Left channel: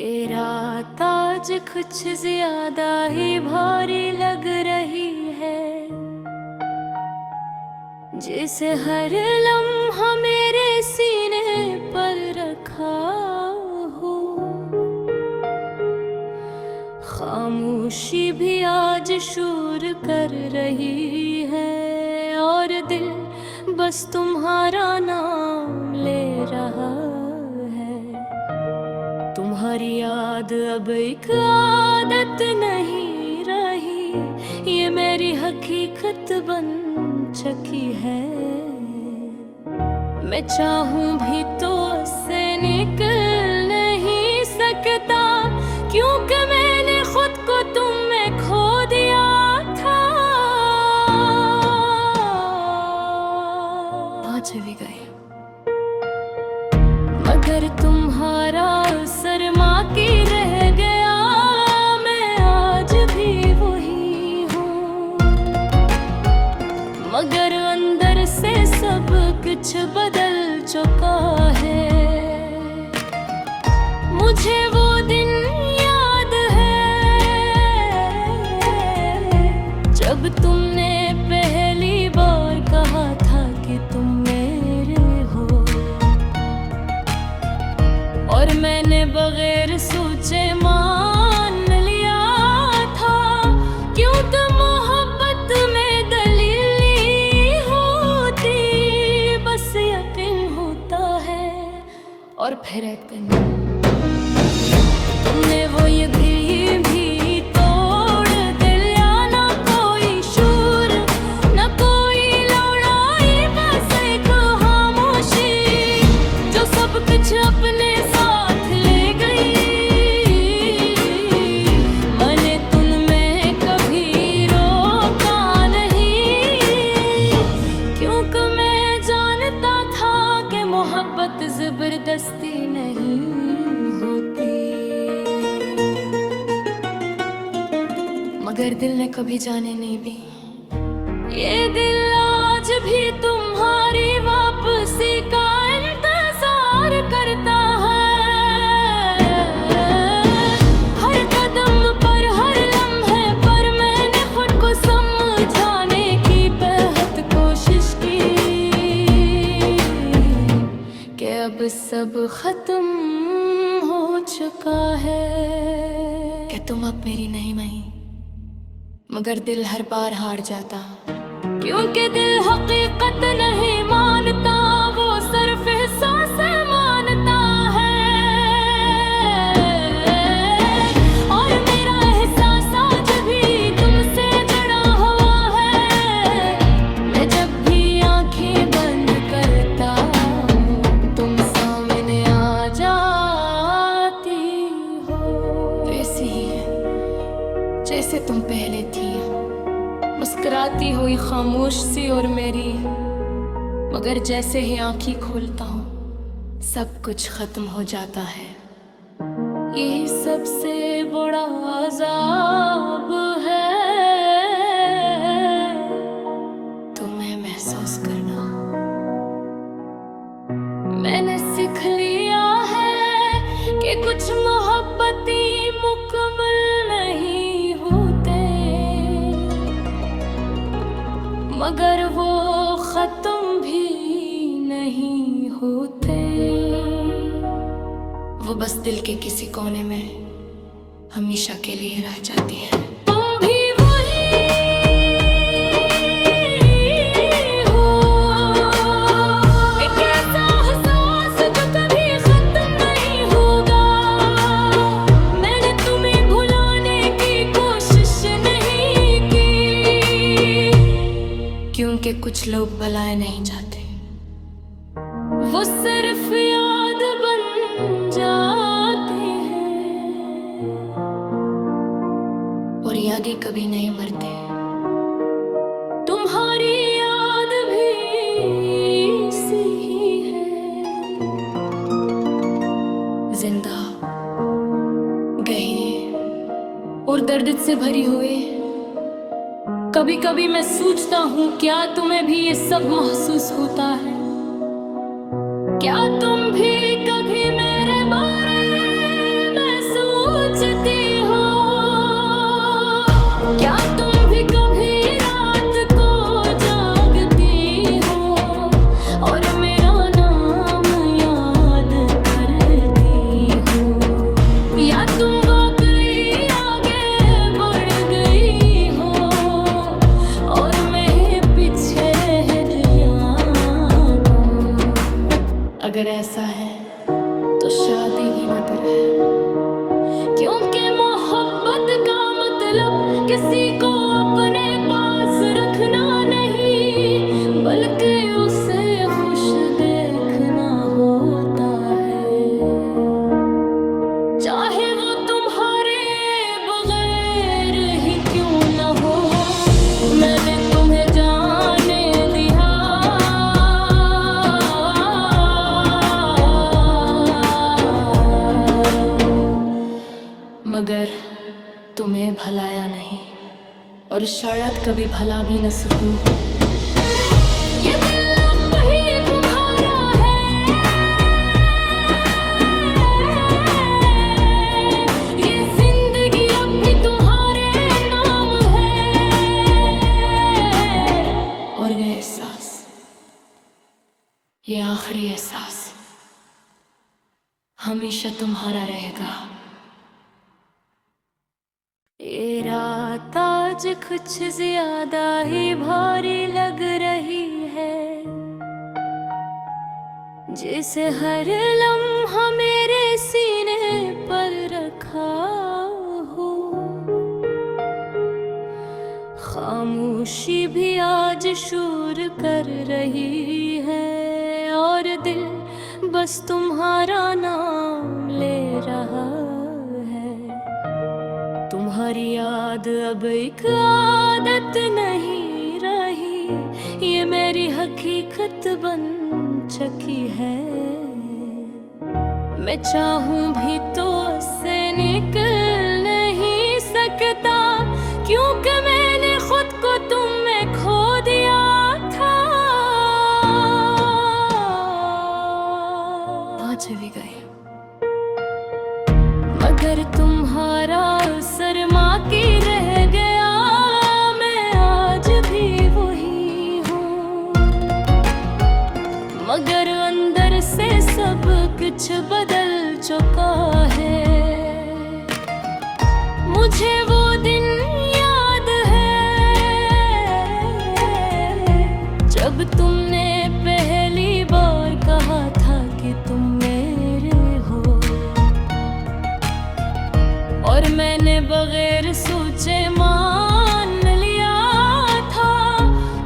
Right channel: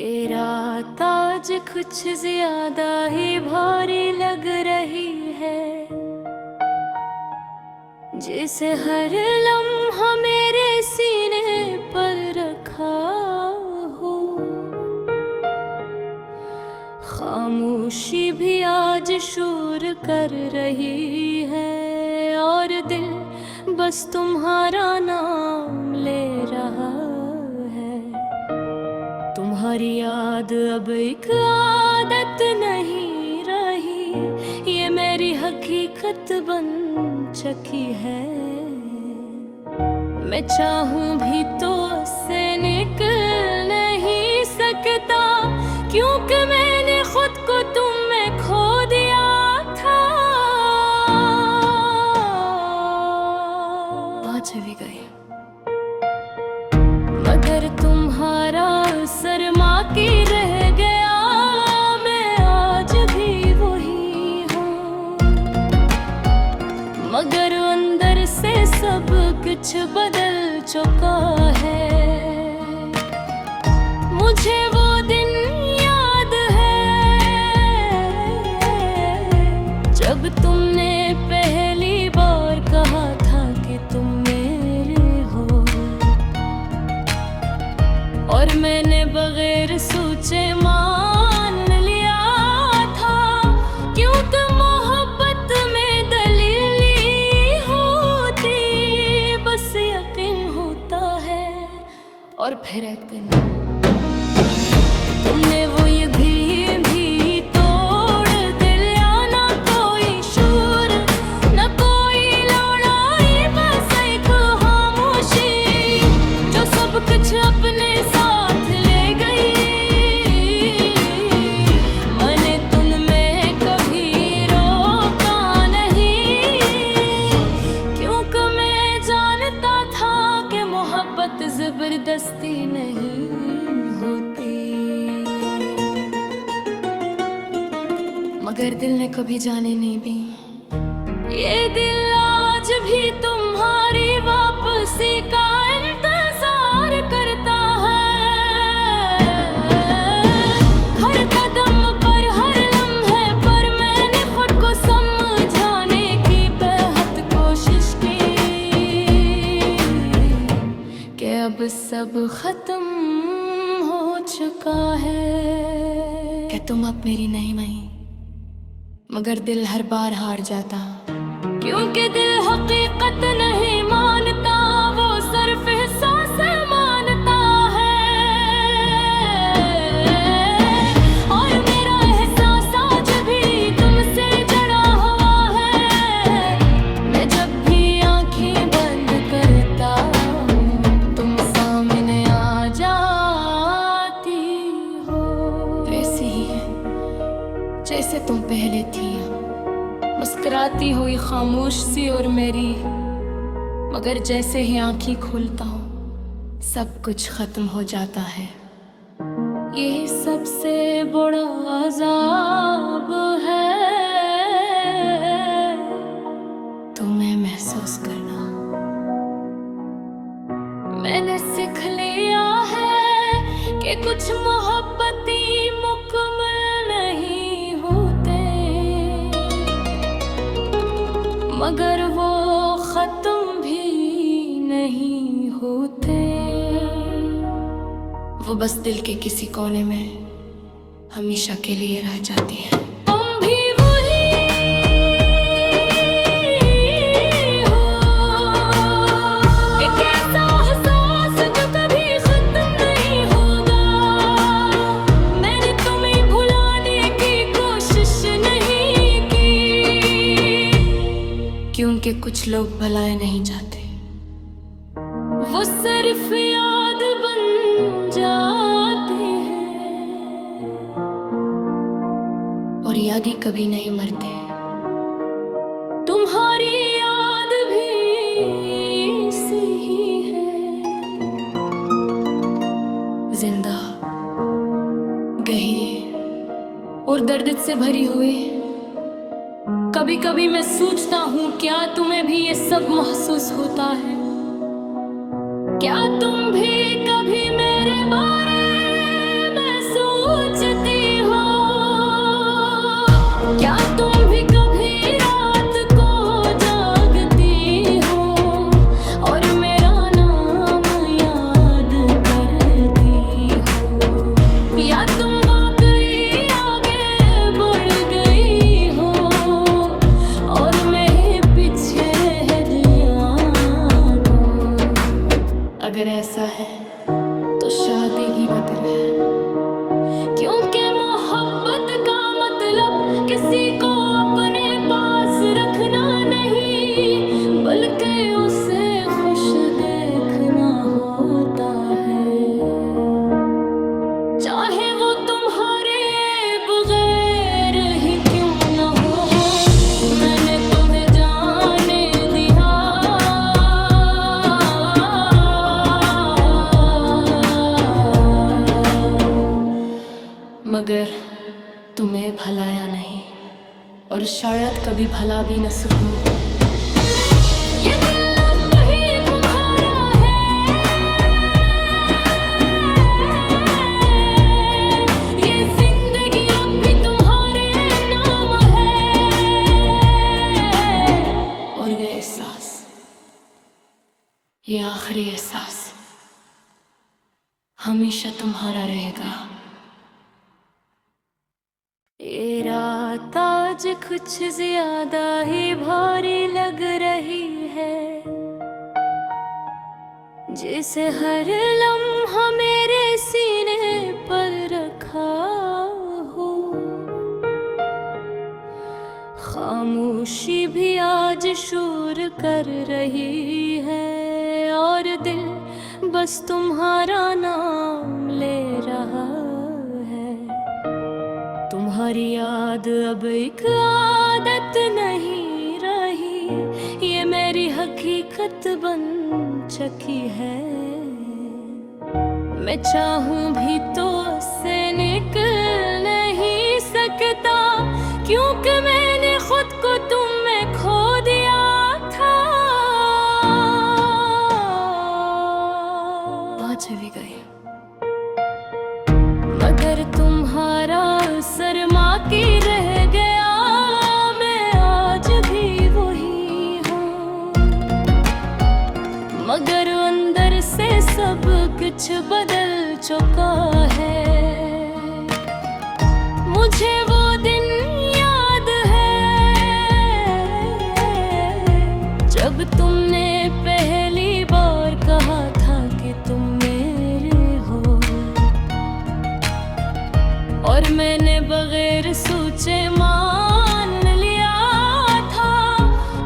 ये रात आज कुछ ज्यादा ही भारी लग रही है, जिसे हर लम्हा मेरे सीने पर रखा हो। खामोशी भी आज शोर कर रही है और दिल बस तुम्हारा नाम ले रहा है। तुम्हारी याद अब एक आदत नहीं रही, ये मेरी हकीकत बन चुकी है। मैं चाहूं भी तो उससे निकल नहीं सकता, क्योंकि मैंने खुद को तुम में खो दिया था। आज भी गए मगर तुम्हारा शर्मा के रह गया। मैं आज भी वही हूँ, मगर अंदर से सब कुछ बदल चुका है। मुझे वो दिन याद है जब तुमने पहली बार कहा था कि तुम मेरे हो, और मैंने बगैर सोचे मान लिया था, क्योंकि मोहब्बत में दलील होती, बस यकीन होता है और फिर यकीन। तुमने वो ये भी तोड़ दिया, ना कोई शोर ना कोई लड़ाई, बस एक खामोशी जो सब कुछ अपने साथ ले गई। मैंने तुममें कभी रोका नहीं, क्योंकि मैं जानता था कि मोहब्बत जबरदस्ती नहीं होती। मगर दिल ने कभी जाने नहीं दी, ये दिल आज भी तुम्हारी वापसी का इंतजार करता है। हर कदम पर हर लम्हे पर मैंने खुद को समझाने की बेहद कोशिश की, कि अब सब खत्म हो चुका है। कि तुम अब मेरी नहीं मई, मगर दिल हर बार हार जाता, क्योंकि दिल हकीकत नहीं मानता, वो सिर्फ एहसास मानता है। और मेरा एहसास आज भी तुमसे जड़ा हुआ है। मैं जब भी आंखें बंद करता हूँ, तुम सामने आ जाती हो, वैसे ही जैसे तुम पहले थी, मुस्कुराती हुई खामोश सी और मेरी। मगर जैसे ही आंखें खोलता हूँ, सब कुछ खत्म हो जाता है। यही सबसे बड़ा अज़ाब है, तुम्हें महसूस करना। मैंने सीख लिया है कि कुछ मोहब्बतें मुकम्मल नहीं होते, मगर वो खत्म भी नहीं होते। वो बस दिल के किसी कोने में हमेशा के लिए रह जाती है। तुम भी वही हो, एक ऐसा एहसास जो कभी खत्म नहीं होगा। मैंने तुम्हें भुलाने की कोशिश नहीं की, क्योंकि कुछ लोग भुलाए नहीं जाते, वो सिर्फ याद बन जाते हैं, और यादें कभी नहीं मरते। तुम्हारी याद भी सी ही है, जिंदा, गहरी और दर्द से भरी हुई। कभी कभी मैं सोचता हूँ, क्या तुम्हें भी ये सब महसूस होता है? क्या तुम भी कभी मेरे बारे में अगर ऐसा है तो शादी ही बदर है, क्योंकि मोहब्बत का मतलब किसी को अपने पास रखना नहीं, बल्कि उसे खुश देखना होता है, चाहे वो तुम्हारे बगैर ही क्यों न हो। मैंने तुम्हें जाने दिया, मगर तुम्हें भलाया नहीं, और शायद कभी भला भी न सकूं। ये दिल अब ही तुम्हारा है, ये जिंदगी अब भी तुम्हारे नाम है, और ये एहसास, ये आखिरी एहसास हमेशा तुम्हारा रहेगा। ये रात आज कुछ ज्यादा ही भारी लग रही है, जिसे हर लम्हा मेरे सीने पर रखा हो। खामोशी भी आज शोर कर रही है, और दिल बस तुम्हारा नाम ले रहा है। तुम्हारी याद अब एक आदत नहीं रही, ये मेरी हकीकत बन चुकी है। मैं चाहूं भी तो उससे निकल नहीं सकता, क्योंकि मैंने खुद को तुम में खो दिया था। आज भी गई, मगर तुम्हारा शर्मा की रह गया। मैं आज भी वही हूँ, मगर अंदर से सब कुछ बदल चुका है। मुझे वो दिन याद है जब तुमने पहली बार कहा था कि तुम मेरे हो, और मैंने बगैर सोचे मान लिया था,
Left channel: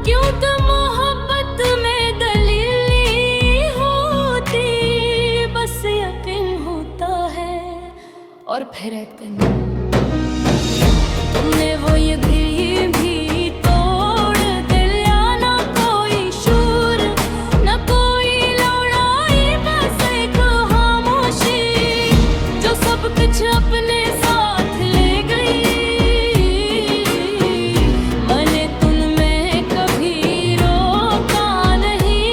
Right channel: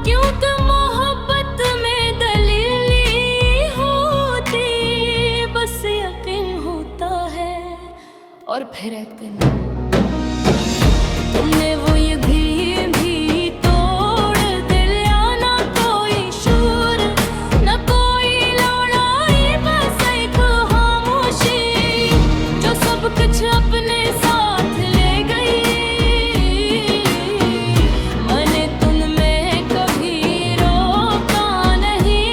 क्योंकि मोहब्बत में दलील होती, बस यकीन होता है और फिर यकीन। तुमने वो ये भी तोड़ दिया, ना कोई शूर ना कोई लड़ाई, बस एक खामोशी जो सब कुछ अपने साथ ले गई। मैंने तुममें कभी रोका नहीं,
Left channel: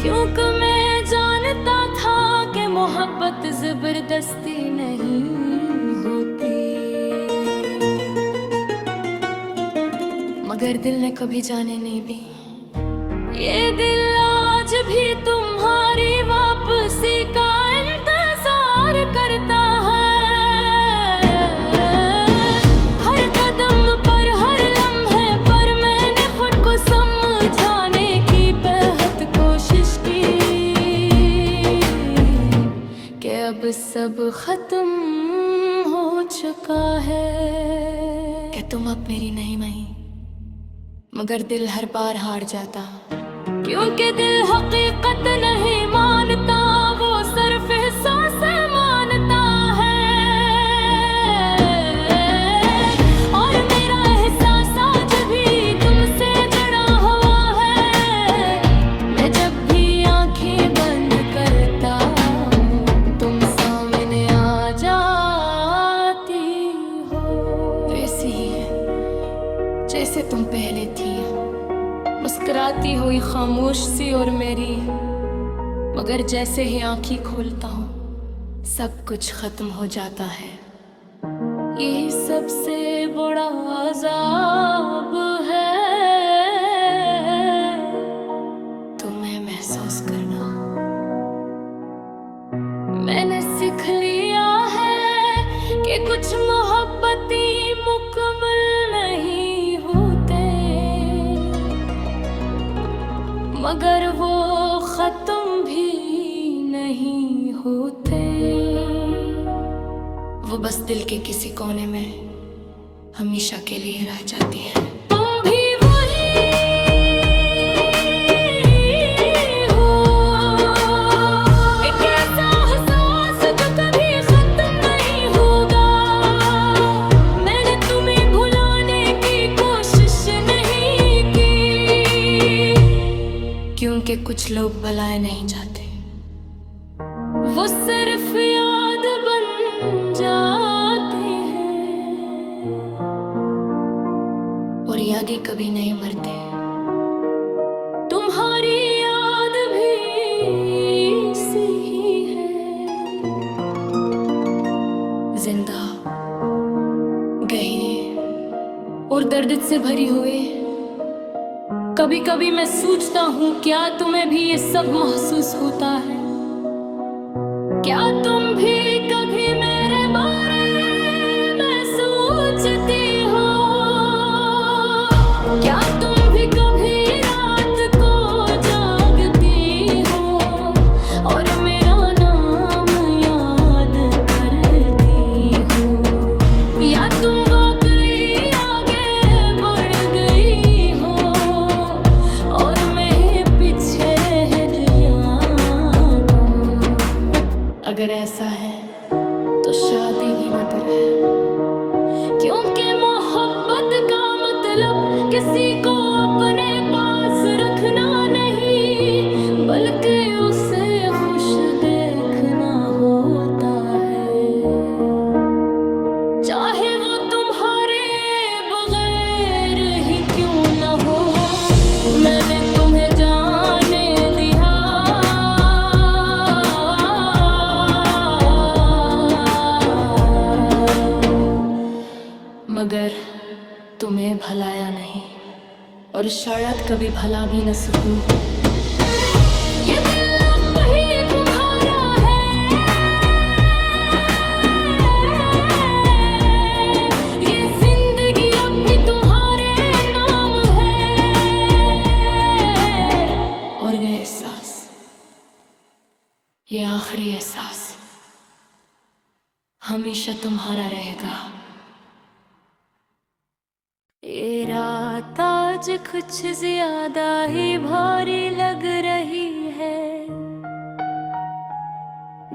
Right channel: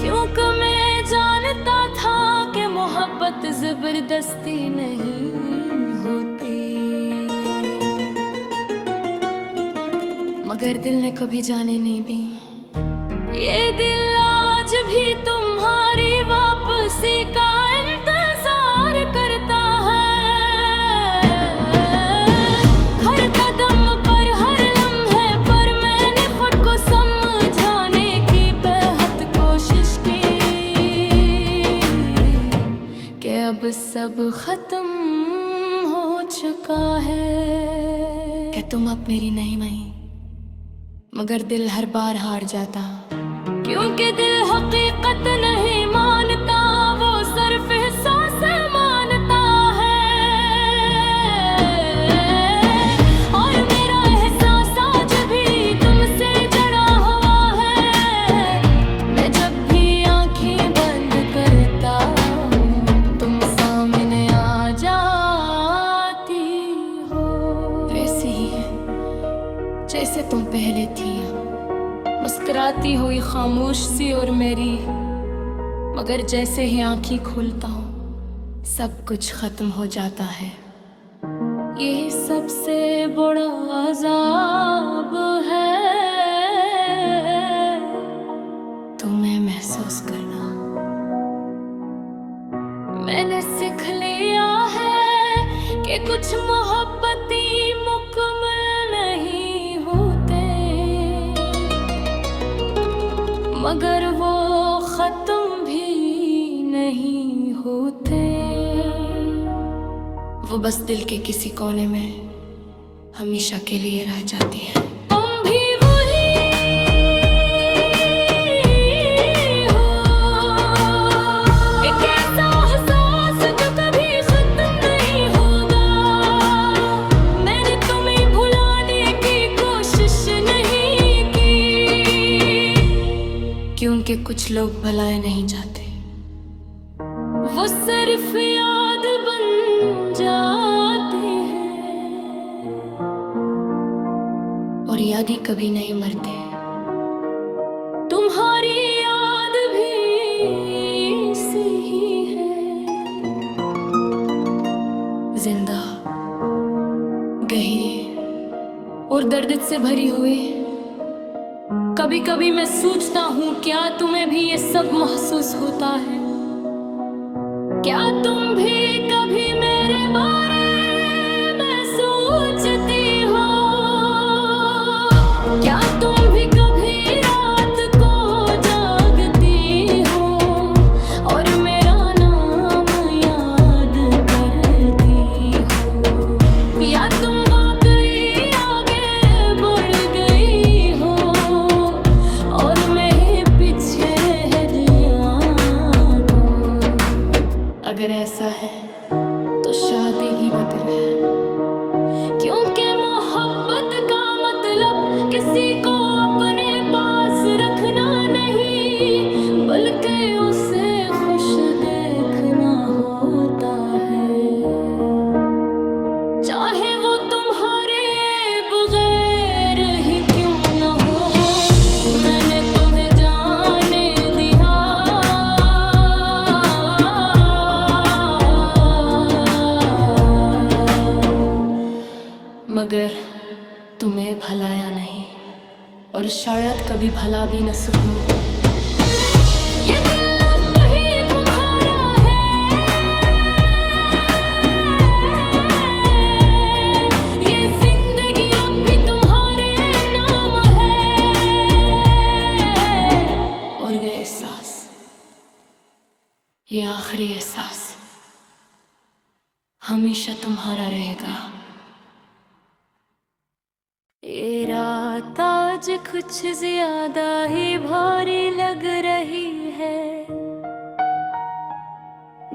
क्योंकि मैं जानता था कि मोहब्बत जबरदस्ती नहीं होती। मगर दिल ने कभी जाने नहीं दी, ये दिल आज भी तुम्हारी वापसी का इंतजार करता है। हर कदम पर हर लम्हे पर मैंने खुद को समझाने की बेहद कोशिश की, कि अब सब खत्म हो चुका है, कि तुम अब मेरी नहीं मई। मगर दिल हर बार हार जाता, क्योंकि दिल हकीकत नहीं मानता, वो सिर्फ एहसास मानता है। और मेरा एहसास आज भी तुमसे जड़ा हुआ है। मैं जब भी आंखें बंद करता हूँ, तुम सामने आ जाती हो, वैसे ही जैसे तुम पहले थी, मुस्कुराती हुई खामोश सी और मेरी। मगर जैसे ही आंखें खोलता हूँ, सब कुछ खत्म हो जाता है। यही सबसे बड़ा अज़ाब है, तुम्हें महसूस करना। मैंने सीख लिया है कि कुछ मोहब्बतें मुकम्मल नहीं होते, मगर वो खत्म भी नहीं होते, वो बस दिल के किसी कोने में हमेशा के लिए रह जाती है। तुम भी वही हो, एक ऐसा एहसास जो कभी खत्म नहीं होगा। मैंने तुम्हें भुलाने की कोशिश नहीं की, क्योंकि कुछ लोग भुलाए नहीं जाते, वो सिर्फ याद बन जाते हैं, और याद ही कभी नहीं मरते। तुम्हारी याद भी सी ही है, जिंदा, गहरी और दर्द से भरी हुई। कभी कभी मैं सोचता हूँ, क्या तुम्हें भी ये सब महसूस होता है? क्या तुम भी कभी मेरे बारे में सोचती हो? क्या तुम भी कभी रात को जागती हो और मेरा नाम याद करती हो? या तुम वाकई आगे बढ़ गई हो और मैं पीछे रह अगर ऐसा है तो शादी ही बेहतर है, क्योंकि मोहब्बत का मतलब किसी को अपने पास रखना नहीं, बल्कि उसे खुश देखना होता है, चाहे वो तुम्हारे बगैर ही क्यों न हो। मैंने तुम्हें जाने दिया, मगर तुम्हें भलाया नहीं, और शायद कभी भला भी न सकूं। ये दिल अब ही तुम्हारा है, ये जिंदगी अब भी तुम्हारे नाम है, और ये एहसास, ये आखिरी एहसास हमेशा तुम्हारा रहेगा। ये रात आज कुछ ज्यादा ही भारी लग रही है,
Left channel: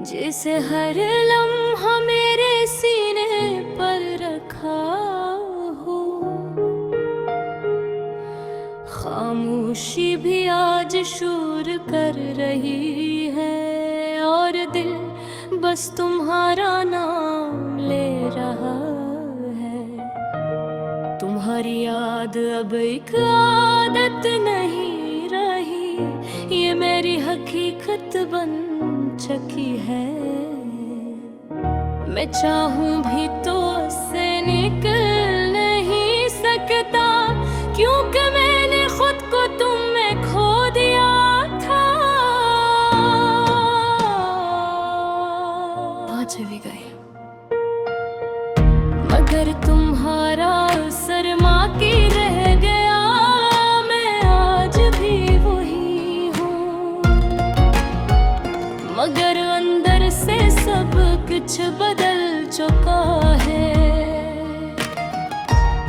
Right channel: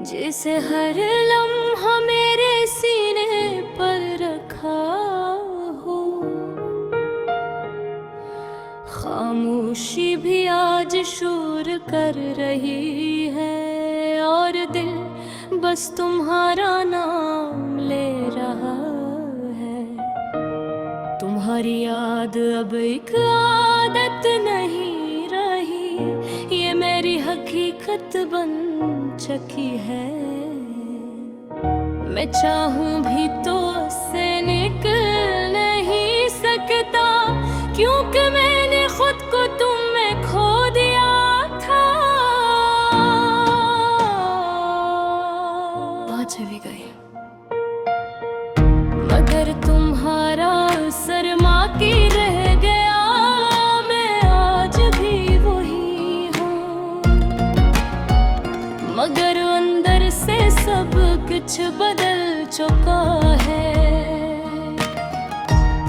जिसे हर लम्हा मेरे सीने पर रखा हो। खामोशी भी आज शोर कर रही है, और दिल बस तुम्हारा नाम ले रहा है। तुम्हारी याद अब एक आदत नहीं रही, ये मेरी हकीकत बन चुकी है। मैं चाहूं भी तो उससे निकल नहीं सकता, क्योंकि मैंने खुद को तुम में खो दिया था। आज भी गई, मगर तुम्हारा शर्मा की रह गया। मैं आज भी वही हूँ, मगर अंदर से सब कुछ बदल चुका है।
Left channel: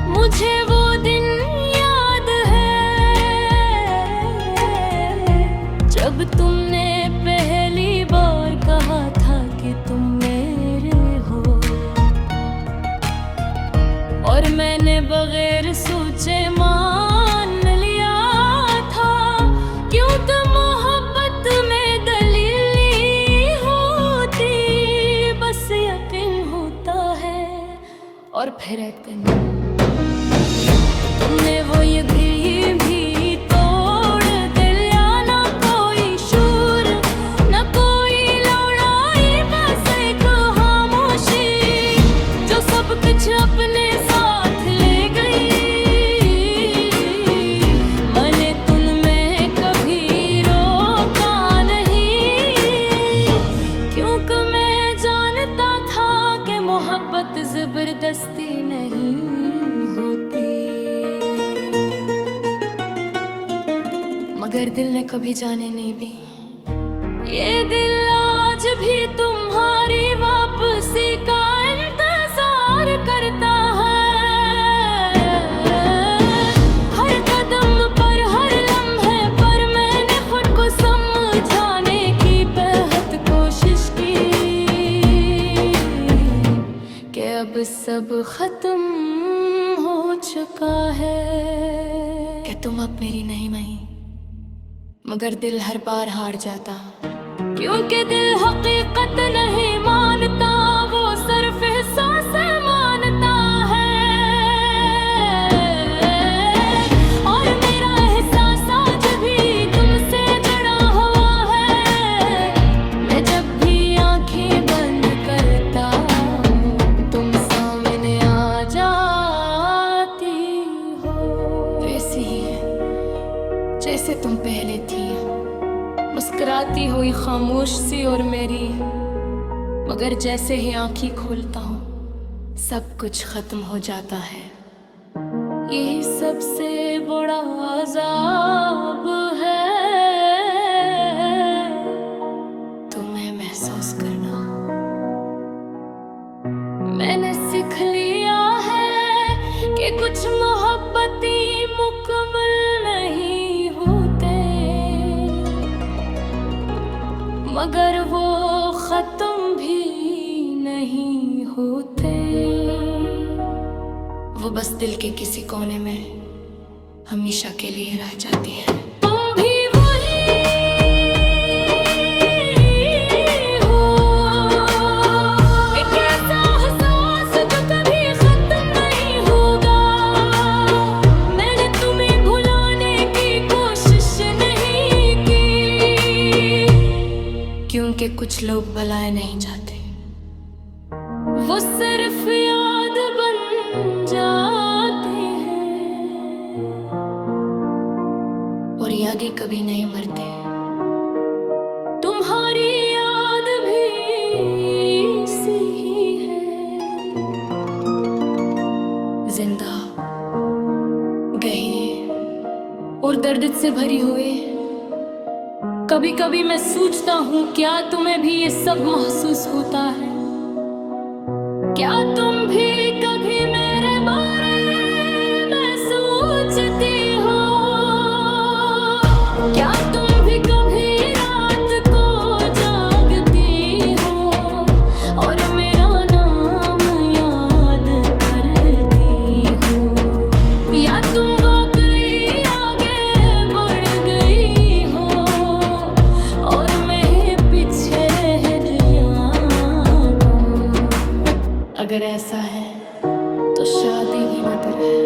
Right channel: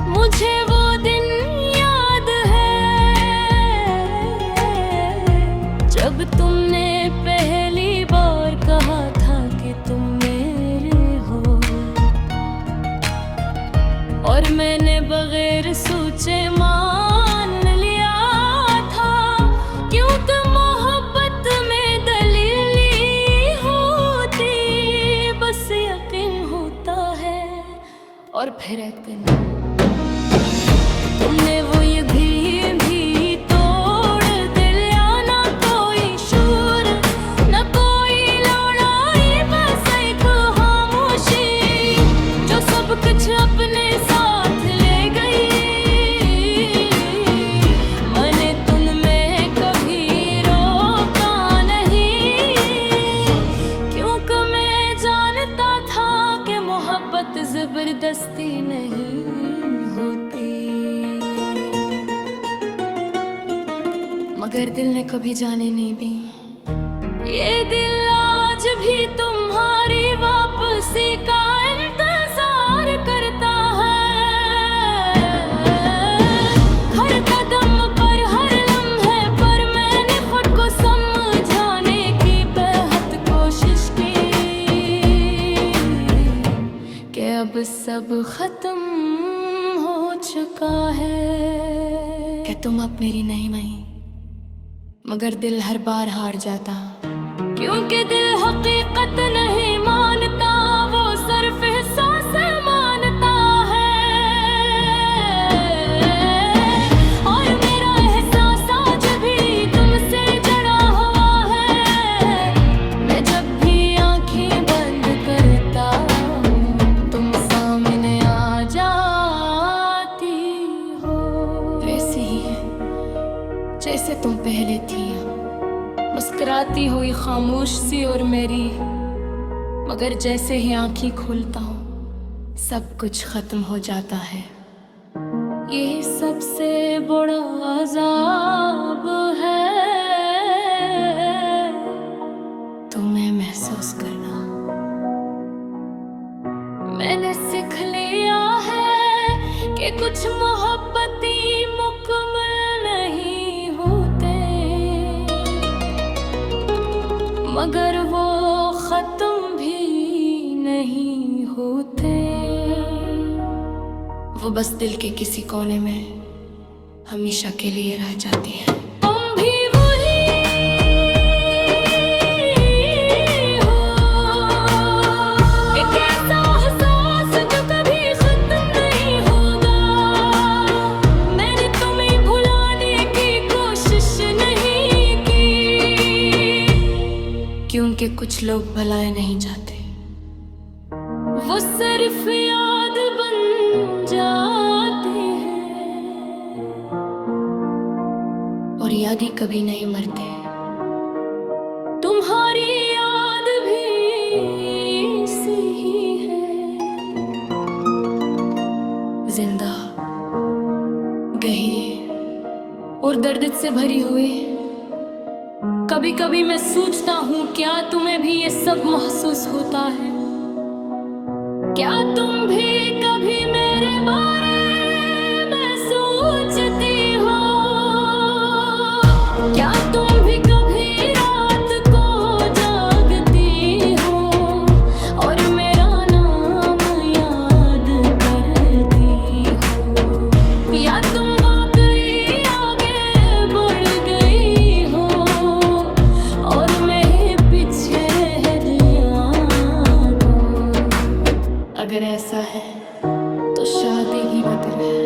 मुझे वो दिन याद है जब तुमने पहली बार कहा था कि तुम मेरे हो, और मैंने बगैर सोचे मान लिया था, क्योंकि मोहब्बत में दलील होती, बस यकीन होता है और फिर यकीन। तुमने वो ये भी तोड़ दिया, ना कोई शोर ना कोई लड़ाई, बस एक खामोशी जो सब कुछ अपने साथ ले गई। मैंने तुममें कभी रोका नहीं, क्योंकि मैं जानता था कि मोहब्बत जबरदस्ती नहीं होती। मगर दिल ने कभी जाने नहीं दी ये दिल आज भी तुम्हारी वापसी का इंतजार करता है। हर कदम पर, हर लम्हे पर मैंने खुद को समझाने की बेहद कोशिश की कि अब सब खत्म हो चुका है। कि तुम अब मेरी नहीं मई, मगर दिल हर बार हार जाता, क्योंकि दिल हकीकत नहीं मानता, वो सिर्फ एहसास मानता है। और मेरा एहसास आज भी तुमसे जड़ा हुआ है। मैं जब भी आंखें बंद करता हूँ, तुम सामने आ जाती हो। वैसे ही जैसे तुम पहले थी, मुस्कुराती हुई खामोश सी और मेरी, मगर जैसे ही आंखें खोलता हूँ सब कुछ खत्म हो जाता है। यही सबसे बड़ा अज़ाब है, तुम्हें महसूस करना। मैंने सीख लिया है कि कुछ मोहब्बती मुकम्मल नहीं होते, मगर वो खत्म भी नहीं होते। वो बस दिल के किसी कोने में हमेशा के लिए रह जाती है। तुम भी वही हो, एक ऐसा एहसास जो कभी खत्म नहीं होगा। मैंने तुम्हें भुलाने की कोशिश नहीं की, क्योंकि कुछ लोग भुलाए नहीं जाते, वो सिर्फ याद बन जाते हैं। और याद ही कभी नहीं मरते, तुम्हारी याद भी सी ही है, जिंदा, गहरी और दर्द से भरी हुई। कभी कभी मैं सोचता हूँ, क्या तुम्हें भी ये सब महसूस होता है? क्या तुम भी कभी मेरे बारे में सोचती हो? क्या तुम भी कभी रात को जागती हो और मेरा नाम याद करती हो? या तुम वाकई आगे बढ़ गई हो और मैं पीछे रह गया? अगर ऐसा है तो शादी ही बेहतर है,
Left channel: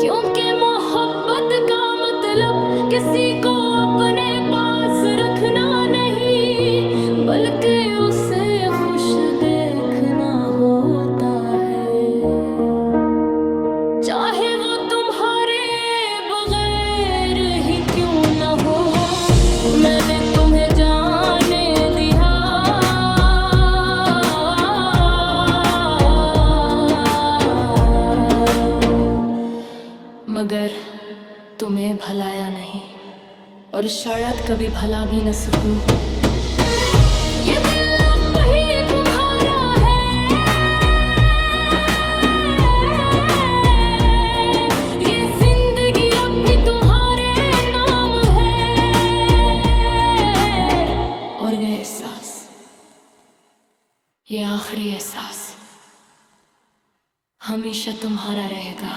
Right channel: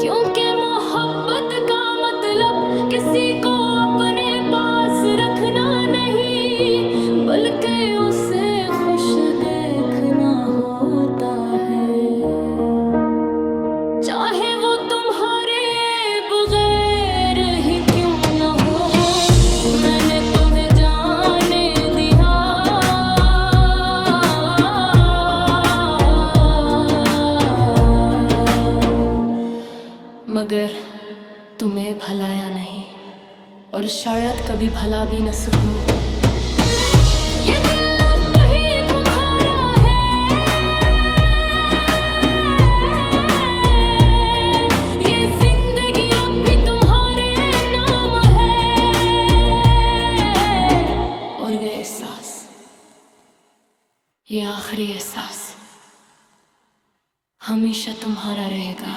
क्योंकि मोहब्बत का मतलब किसी को अपने पास रखना नहीं, बल्कि उसे खुश देखना होता है, चाहे वो तुम्हारे बगैर ही क्यों न हो। मैंने तुम्हें जाने दिया, मगर तुम्हें भलाया नहीं, और शायद कभी भला भी न सकूं। ये दिल अब ही तुम्हारा है, ये जिंदगी अब भी तुम्हारे नाम है, और ये एहसास, ये आखिरी एहसास हमेशा तुम्हारा रहेगा।